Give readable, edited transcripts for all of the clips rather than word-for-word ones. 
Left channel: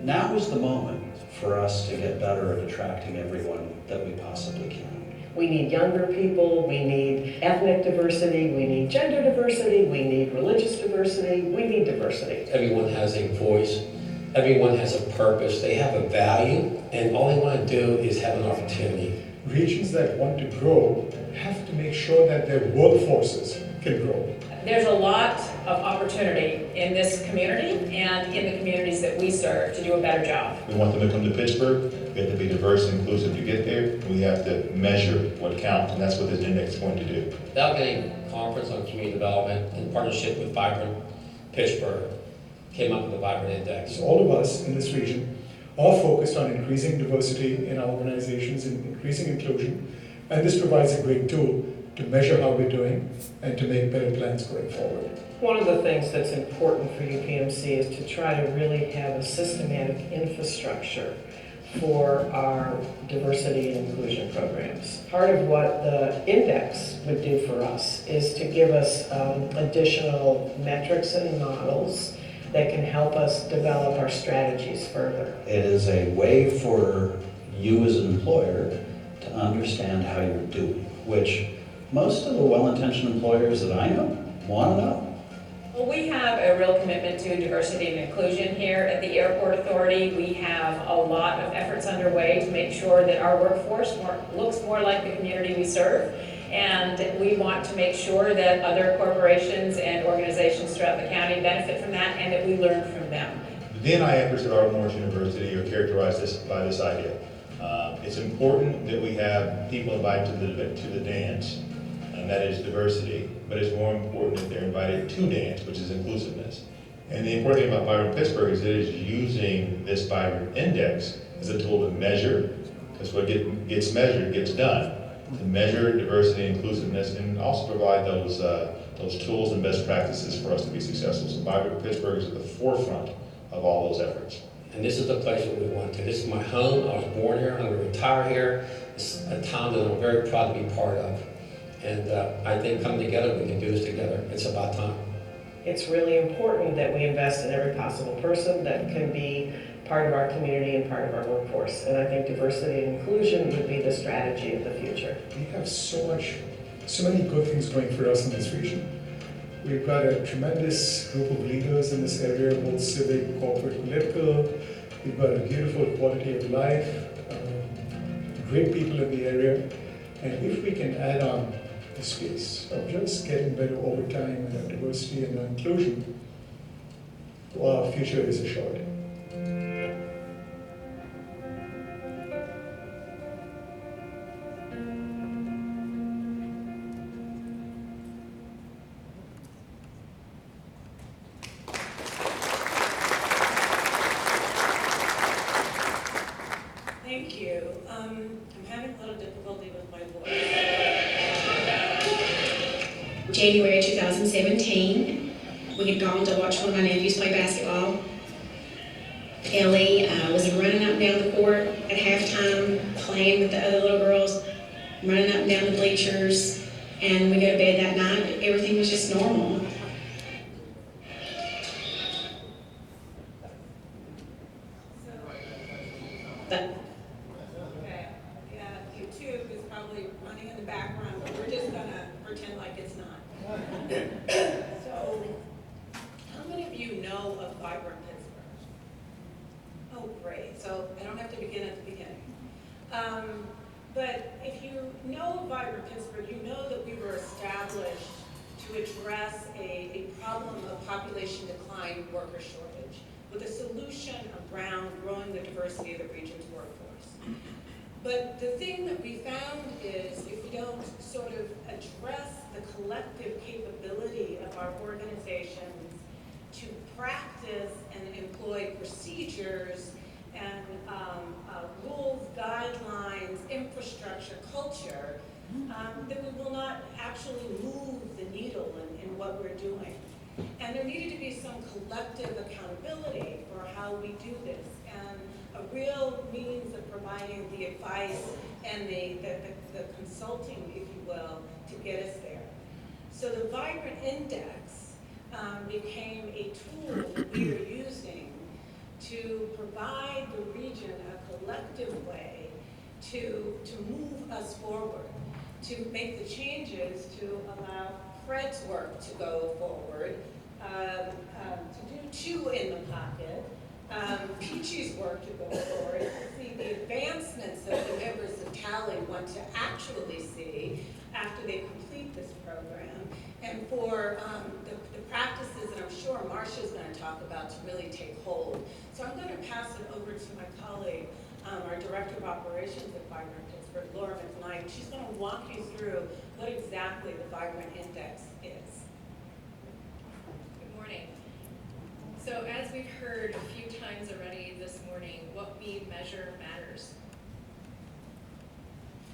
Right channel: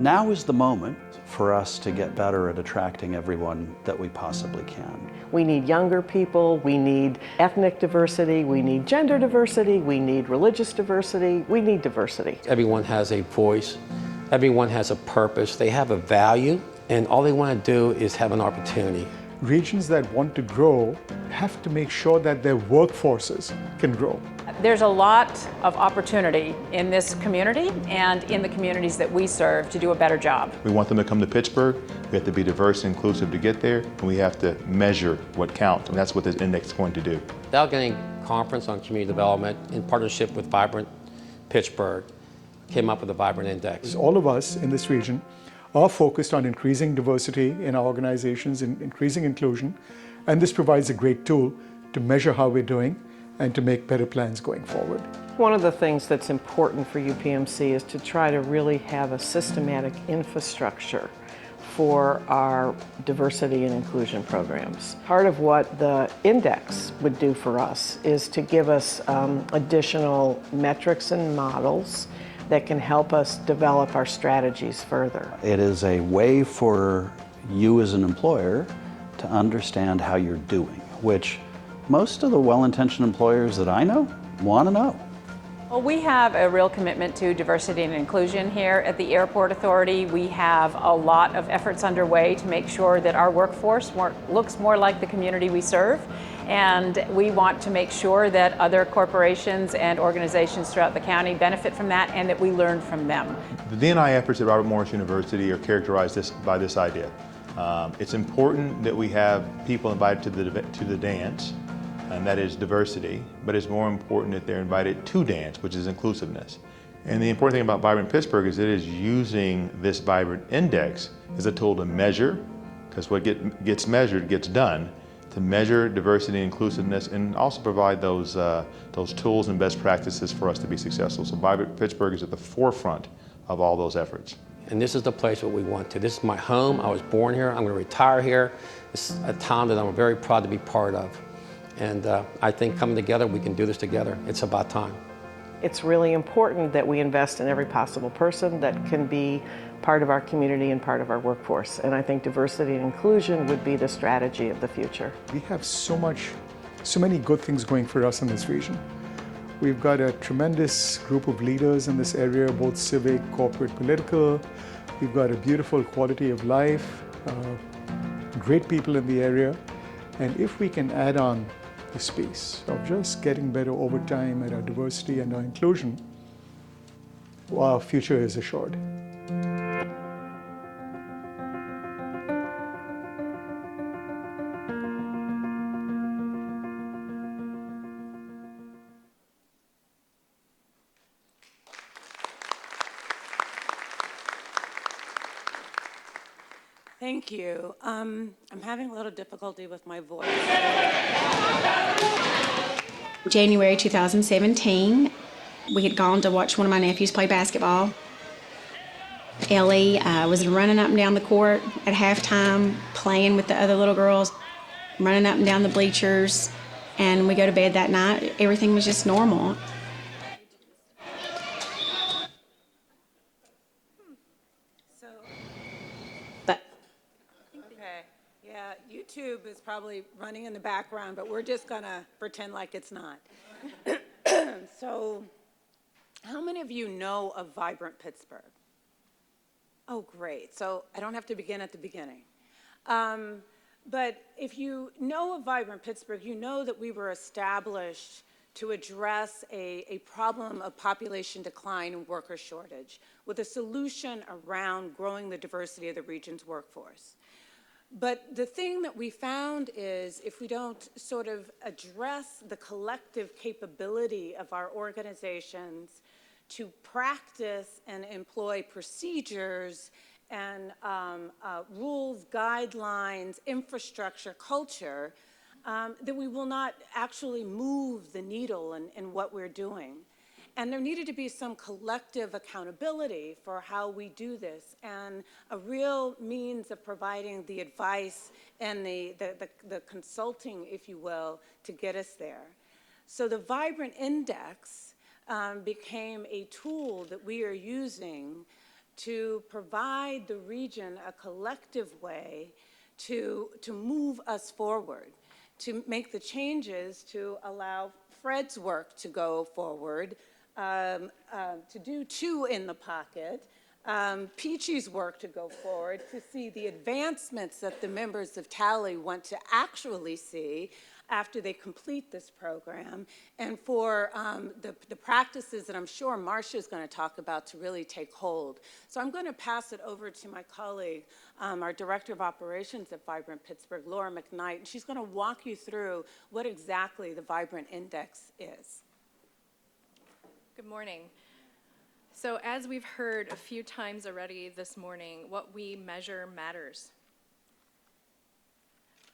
Now is the moment for us to get better at attracting everyone that we possibly can. We need younger people, we need ethnic diversity, we need gender diversity, we need religious diversity, we need diversity. Everyone has a voice, everyone has a purpose, they have a value, and all they want to do is have an opportunity. Regions that want to grow have to make sure that their workforces can grow. There's a lot of opportunity in this community and in the communities that we serve to do a better job. We want them to come to Pittsburgh. We have to be diverse and inclusive to get there, and we have to measure what counts, and that's what this index is going to do. The Allegheny Conference on Community Development, in partnership with Vibrant Pittsburgh, came up with the Vibrant Index. All of us in this region are focused on increasing diversity in our organizations and increasing inclusion, and this provides a great tool to measure how we're doing and to make better plans going forward. One of the things that's important for UPMC is to try to really have a systematic infrastructure for our diversity and inclusion programs. Part of what the index would do for us is to give us additional metrics and models that can help us develop our strategies further. It is a way for you as an employer to understand how you're doing, which most of the well-intentioned employers that I know want to know. Well, we have a real commitment to diversity and inclusion here at the Airport Authority. We have a lot of efforts underway to make sure that our workforce looks more like the community we serve. And we want to make sure that other corporations and organizations throughout the county benefit from that and that we learn from them. The D&I efforts at Robert Morris University are characterized by this idea. It's important that we have people invited to the dance, and that is diversity, but it's more important that they're invited to dance, which is inclusiveness. And the important thing about Vibrant Pittsburgh is it is using this Vibrant Index as a tool to measure, because what gets measured gets done, to measure diversity and inclusiveness and also provide those tools and best practices for us to be successful. So Vibrant Pittsburgh is at the forefront of all those efforts. And this is the place where we want to. This is my home. I was born here. I'm going to retire here. It's a town that I'm very proud to be part of. And I think coming together, we can do this together. It's about time. It's really important that we invest in every possible person that can be part of our community and part of our workforce. And I think diversity and inclusion would be the strategy of the future. We have so many good things going for us in this region. We've got a tremendous group of leaders in this area, both civic, corporate, political. We've got a beautiful quality of life, great people in the area. And if we can add on the space of just getting better over time and our diversity and our inclusion, our future is assured. Thank you. I'm having a little difficulty with my voice. January 2017, we had gone to watch one of my nephews play basketball. Ellie was running up and down the court at halftime, playing with the other little girls, running up and down the bleachers, and we go to bed that night. Everything was just normal. But background, but we're just gonna pretend like it's not. So, how many of you know of Vibrant Pittsburgh? Oh, great. So I don't have to begin at the beginning. But if you know of Vibrant Pittsburgh, you know that we were established to address a problem of population decline and worker shortage with a solution around growing the diversity of the region's workforce. But the thing that we found is if we don't sort of address the collective capability of our organizations to practice and employ procedures and rules, guidelines, infrastructure, culture, then we will not actually move the needle in what we're doing. And there needed to be some collective accountability for how we do this, and a real means of providing the advice and the consulting, if you will, to get us there. So the Vibrant Index became a tool that we are using to provide the region a collective way to move us forward, to make the changes to allow Fred's work to go forward, to do Chew in the Pocket, Peachy's work to go forward, to see the advancements that the members of Tally want to actually see after they complete this program, and for the practices that I'm sure Marcia's going to talk about to really take hold. So I'm going to pass it over to my colleague, our Director of Operations at Vibrant Pittsburgh, Lora McKnight. She's going to walk you through what exactly the Vibrant Index is. Good morning. So as we've heard a few times already this morning, what we measure matters.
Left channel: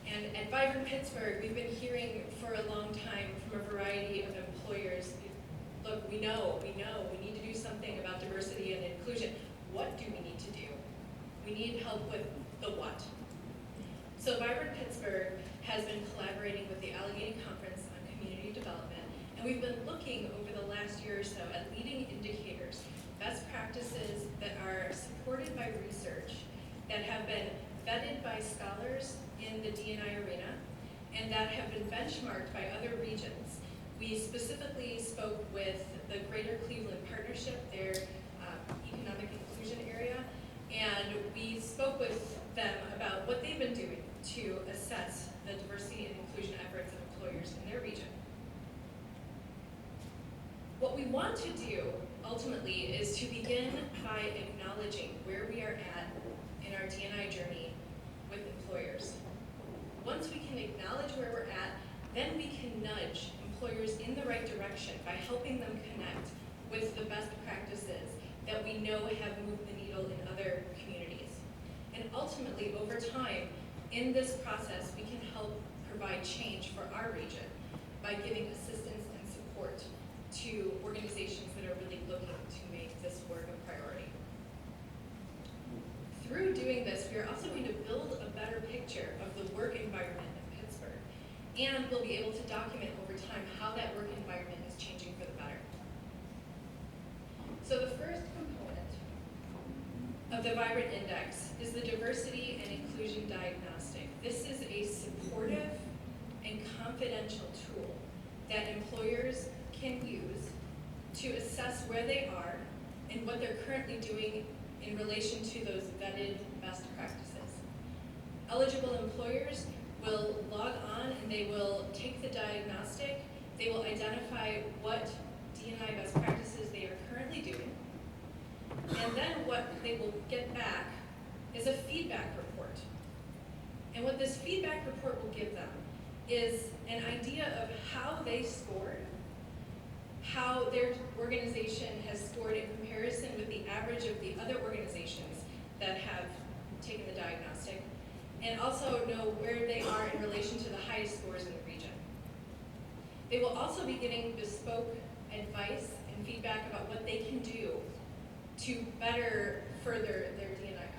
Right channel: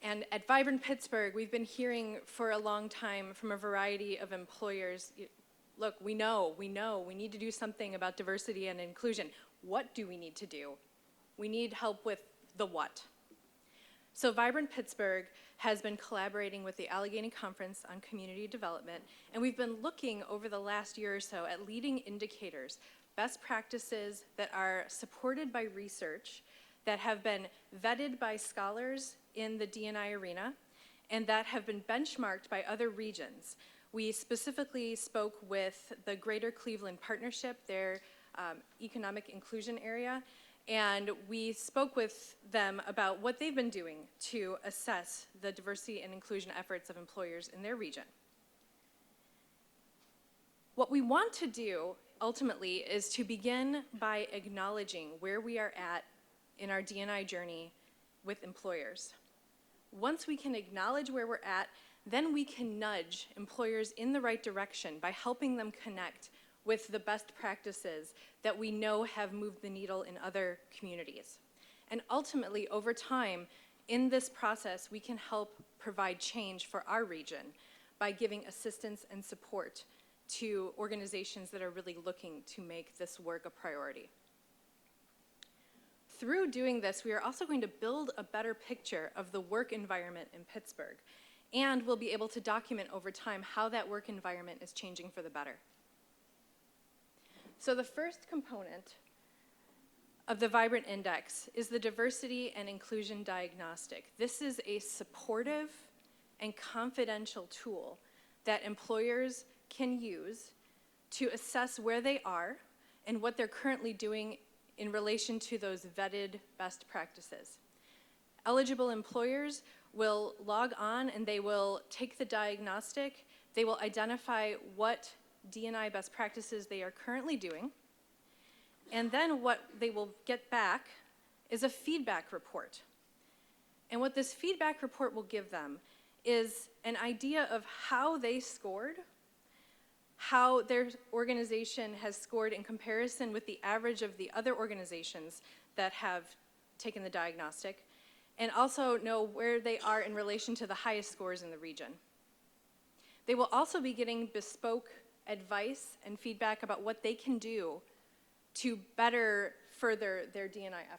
And at Vibrant Pittsburgh, we've been hearing for a long time from a variety of employers, look, we know, we need to do something about diversity and inclusion. What do we need to do? We need help with the what. So Vibrant Pittsburgh has been collaborating with the Allegheny Conference on Community Development, and we've been looking over the last year or so at leading indicators, best practices that are supported by research, that have been vetted by scholars in the D&I arena, and that have been benchmarked by other regions. We specifically spoke with the Greater Cleveland Partnership, their economic inclusion area, and we spoke with them about what they've been doing to assess the diversity and inclusion efforts of employers in their region. What we want to do ultimately is to begin by acknowledging where we are at in our D&I journey with employers. Once we can acknowledge where we're at, then we can nudge employers in the right direction by helping them connect with the best practices that we know have moved the needle in other communities. And ultimately, over time, in this process, we can help provide change for our region by giving assistance and support to organizations that are really looking to make this work a priority. Through doing this, we are also going to build a better picture of the work environment in Pittsburgh, and we'll be able to document over time how that work environment is changing for the better. So the first component of the Vibrant Index is the Diversity and Inclusion Diagnostic. This is a supportive and confidential tool that employers can use to assess where they are and what they're currently doing in relation to those vetted best practices. Eligible employers will log on and they will take the diagnostic. They will identify what D&I best practices they are currently doing. And then what they will get back is a feedback report. And what this feedback report will give them is an idea of how they scored, how their organization has scored in comparison with the average of the other organizations that have taken the diagnostic, and also know where they are in relation to the highest scores in the region. They will also be getting bespoke advice and feedback about what they can do to better further their D&I efforts.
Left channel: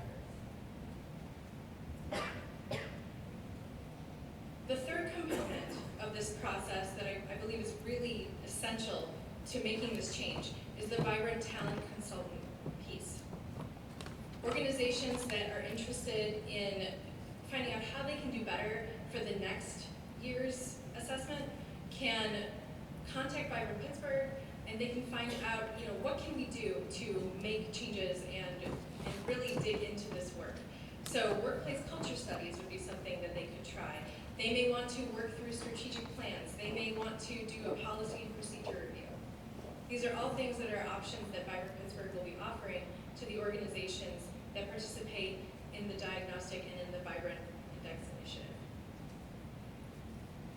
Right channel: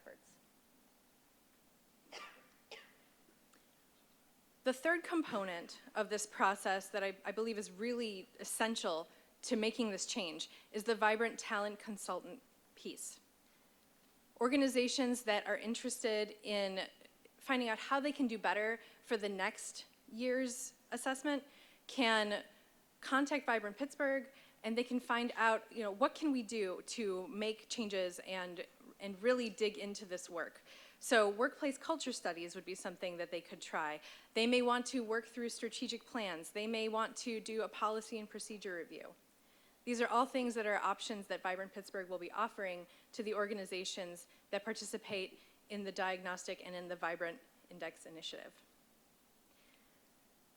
The third component of this process that I believe is really essential to making this change is the Vibrant Talent Consultant piece. Organizations that are interested in finding out how they can do better for the next year's assessment can contact Vibrant Pittsburgh, and they can find out, what can we do to make changes and really dig into this work. So workplace culture studies would be something that they could try. They may want to work through strategic plans. They may want to do a policy and procedure review. These are all things that are options that Vibrant Pittsburgh will be offering to the organizations that participate in the diagnostic and in the Vibrant Index initiative.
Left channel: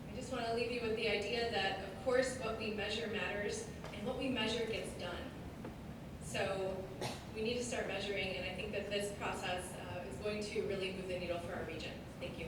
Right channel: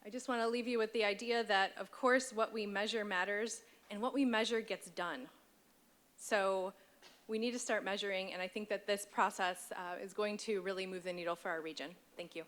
I just want to leave you with the idea that, of course, what we measure matters, and what we measure gets done. So we need to start measuring, and I think that this process is going to really move the needle for our region. Thank you.